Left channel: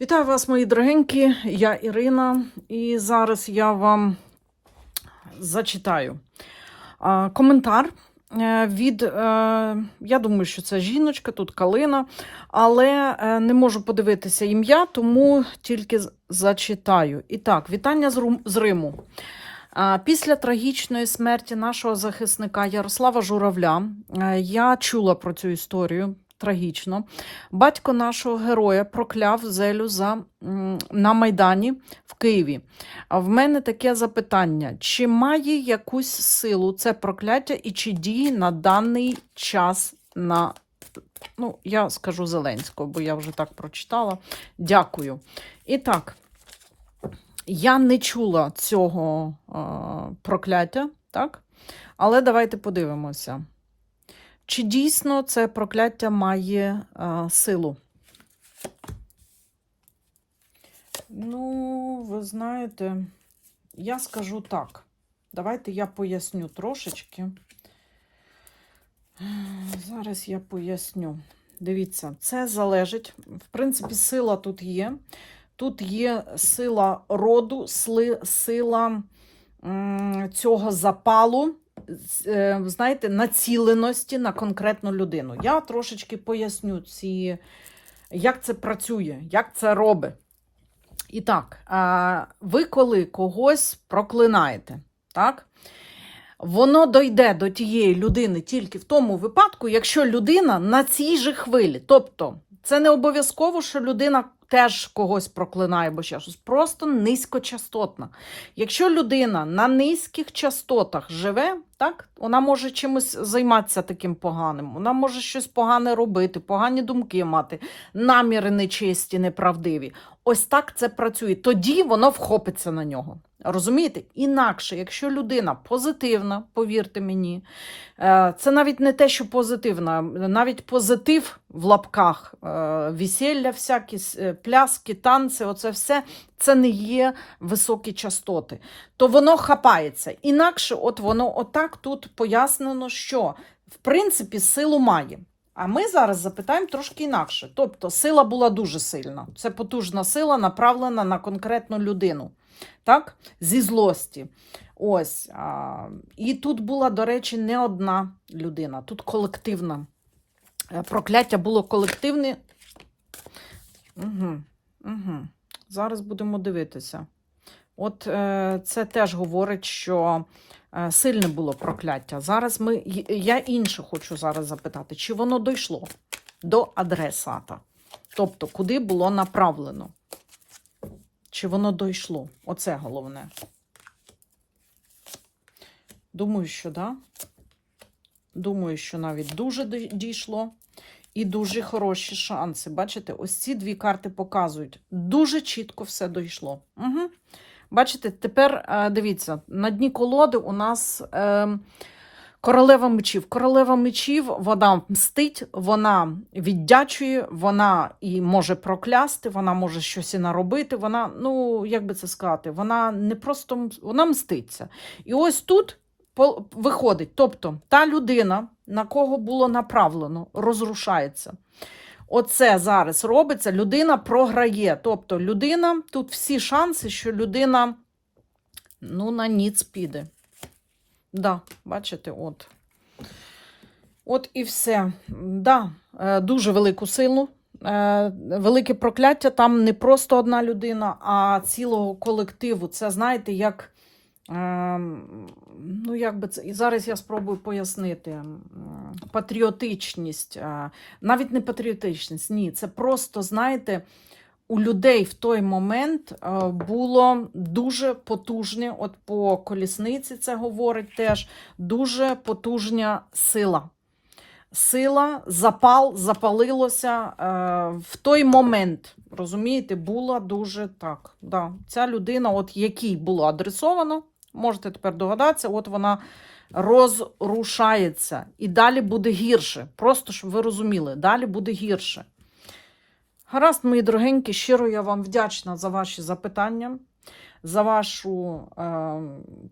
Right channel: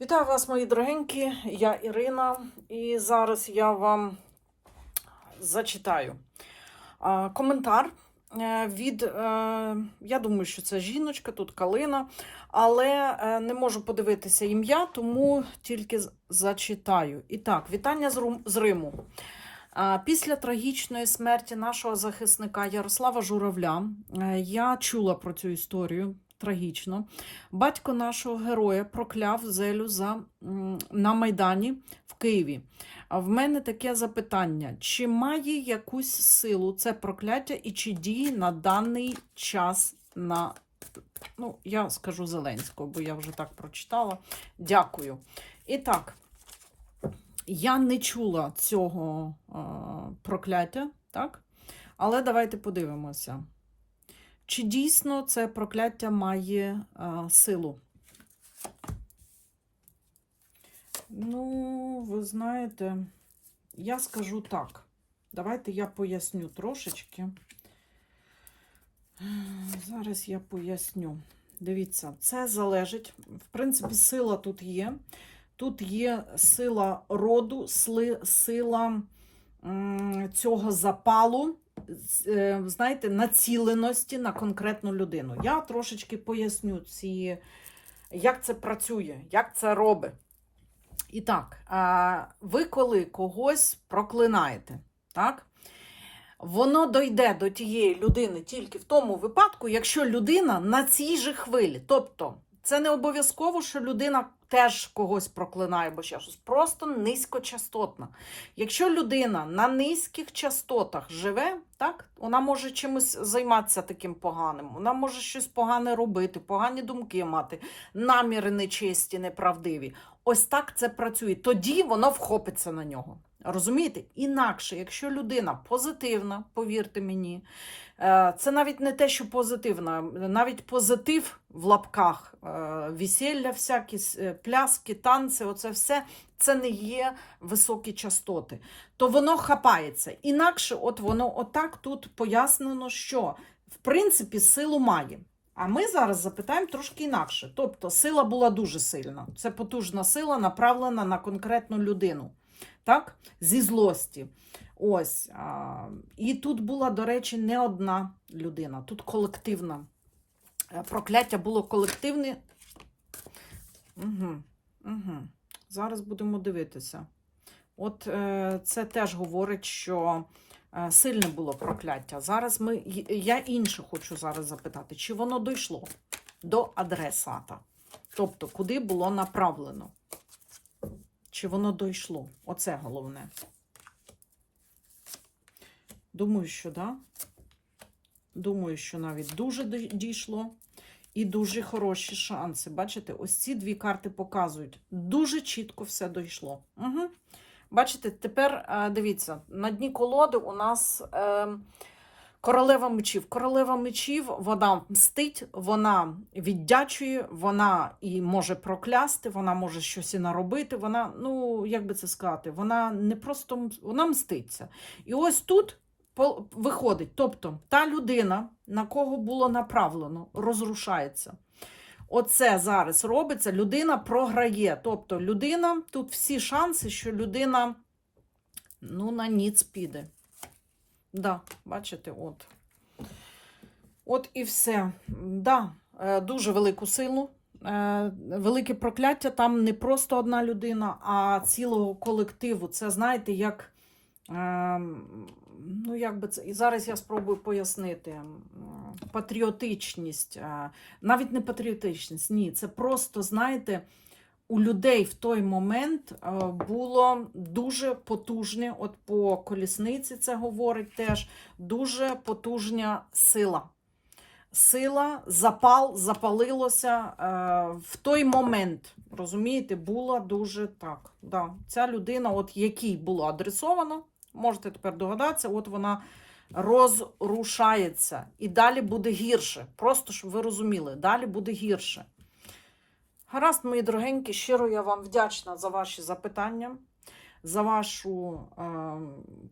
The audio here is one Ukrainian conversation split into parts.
Вітаю вас, мої дорогенькі, я Ірина, і зараз я вам зачитаю коментар е, від, е, я думаю, що це жіночка, тут Калина, але е, не можу подивитися ім'я, тому тільки зачитаю. І так, вітання з Риму. Після трагічної смерті нашого захисника Ярослава Журавля я чула про цю історію трагічно. Батько нашого героя прокляв зелю за, на Майдані в Києві. А в мене таке запитання: чи має якусь силу це прокляття і чи діє на даний час на. Ну, я скажу Зеленського, бо я вже так прочитала. Дякую. І так, я не чула цього е, прокляття, так? Але давайте подивимося. Чи дійсно це прокляття має е, силу? Ну, ви знаєте, я скажу так. Давайте я поясню трошечки. Зараз я поясню. Дивіться, це залежить. В принципі, сила тут є. Тут є сила роду, сила цього запалу, знаєте, націленості на конкретну людину. Я трошечки поясню, ці, як це працює, як це робить. І так, е, ви коли когось проклинаєте, так? Воно дойде до тієї людини тільки в тому випадку, якщо людина на цій же хвилі. Тобто, це не обов'язково, що людина теж когось проклинає, бо ще щось. Просто низькочастотна. Якщо людина на низьких частотах живе, так, вона може чимось займатися таким поганим, вона може щось погане робити, погані думки мати, наміри нечисті, неправдиві. Ось так це працює. Тоді воно вхопиться на нього. Розумієте? Інакше, якщо людина позитивна, повірте мені, е, це навіть не те, що позитивна, навіть позитив в лапках, е, весілля, всякі е, пляски, танці, оце все це не є високі частоти. То воно хапається. Інакше, от воно отак тут пояснено, що в принципі силу має. А ми зараз запитаємо трошки інакше. Тобто, сила була дуже сильна. Це потужна сила, направлена на конкретну людину. Так? Зі злості. Ось. А, і тут була, до речі, не одна людина, тут колективна. Е, Прокляття було колективне. Угу, угу. Зараз будемо дивитися. От е, це теж говорить, що сильне було прокляття. Зараз ми, я інше хочу зараз запитати, чи воно дійшло до адресата? Тобто, куди було направлено? Чи воно дійшло? Оце головне. Думаю, що да. Думаю, що навіть дуже дійшло. І дуже хороші шанси. Бачите, ось ці дві карти показують. Дуже чітко все дійшло. Угу. Бачите, тепер е, дивіться, на дні колоди у нас е, королева мечів. Королева мечів, вона мстить, вона віддячує, вона і може проклясти, вона може щось і наробити. Вона, ну, як би це сказати, вона не просто вона мститься. І ось тут виходить, тобто та людина, на кого було направлено, розрушається. Оце зараз робиться, людина програє. Тобто людина, тут всі шанси, що людина ну, на ніц піде. Да, бачите, от. От і все. Да, е, дуже велику силу. Е, Велике прокляття там не просто одна людина, а цілого колективу. Це знаєте, як. Ем, Ну, як би це, і зараз я спробую пояснити. Патріотичність, е, навіть не патріотичність, ні, це просто, знаєте, у людей в той момент е, було дуже потужне, от по колісниці це говорить теж, дуже потужна сила. Сила, запал, запалилося е, в той момент, розумієте, була дуже так. Да. Ця людина, от якій було адресовано, можете тепер догадатися, от вона розрушається. І далі буде гірше. Просто щоб ви розуміли, далі буде гірше. Гаразд, мої дорогенькі, щиро я вам вдячна за ваші запитання, за вашу е,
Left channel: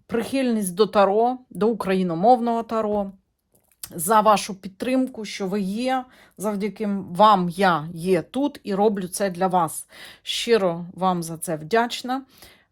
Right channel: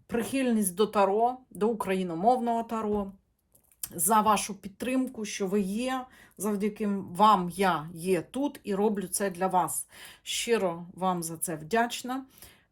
прихильність до таро, до україномовного таро. за вашу підтримку, що ви є. Завдяки вам я є тут і роблю це для вас. Щиро вам за це вдячна.